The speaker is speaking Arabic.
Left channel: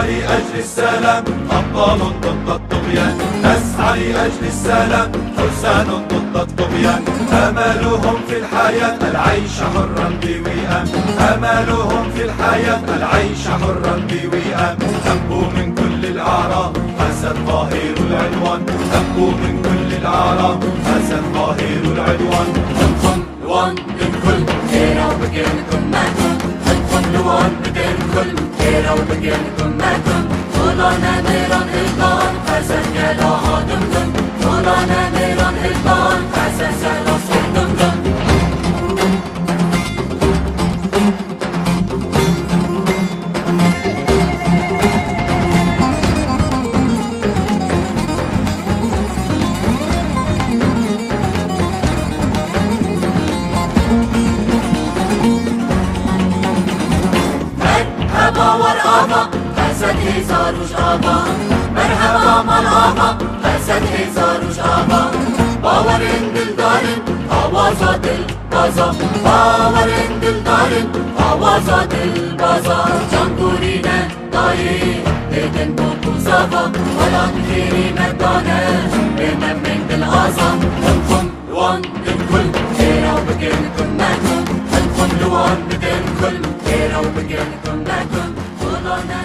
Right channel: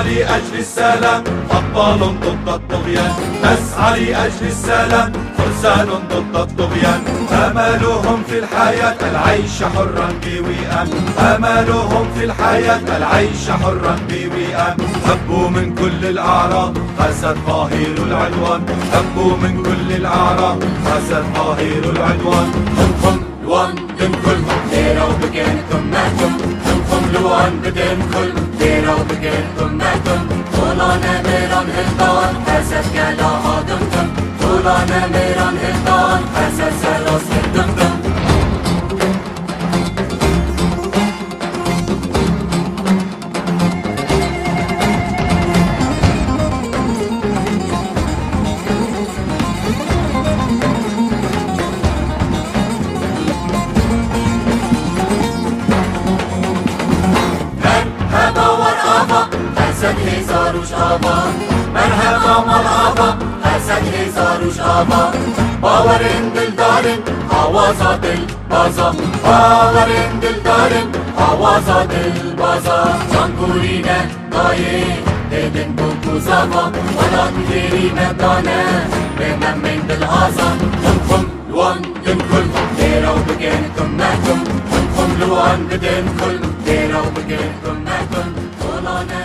نسعى لأجل السلام أبطال ضد الطغيان، نسعى لأجل السلام فرسان ضد الطغيان. آمالهم في الحياة العيش حرا بوئام، آمالهم في الحياة العيش حرا بوئام. هبوا من كل الأعراض هذا القاهر العدوان، هبوا من كل الأعراض هذا القاهر العدوان. تنقم لوان للكل هيرا وبقينكم ماتم، تنقم لوان بدلكم هيرا وبقينكم ماتم. طولانا ميران هلطان حسد قلاها دمدم، طولانا ميران هلطان حسد سراس الدمدم. مرحبا والآبا أسد هزار وش آبا، مرحبا والآبا أسد هزار وش آبا. باورين دلدارين آوازات البازا، باورين دلدارين آوازات البازا. جانگورينا دايه ديدن بوكو زابا، ولاد غيري مدانا ممن بالآزا. تنقم لوان للكل هيرا وبقينكم ماتم، تنقم لوان بدلكم هيرا وبقينكم ماتم. طولانا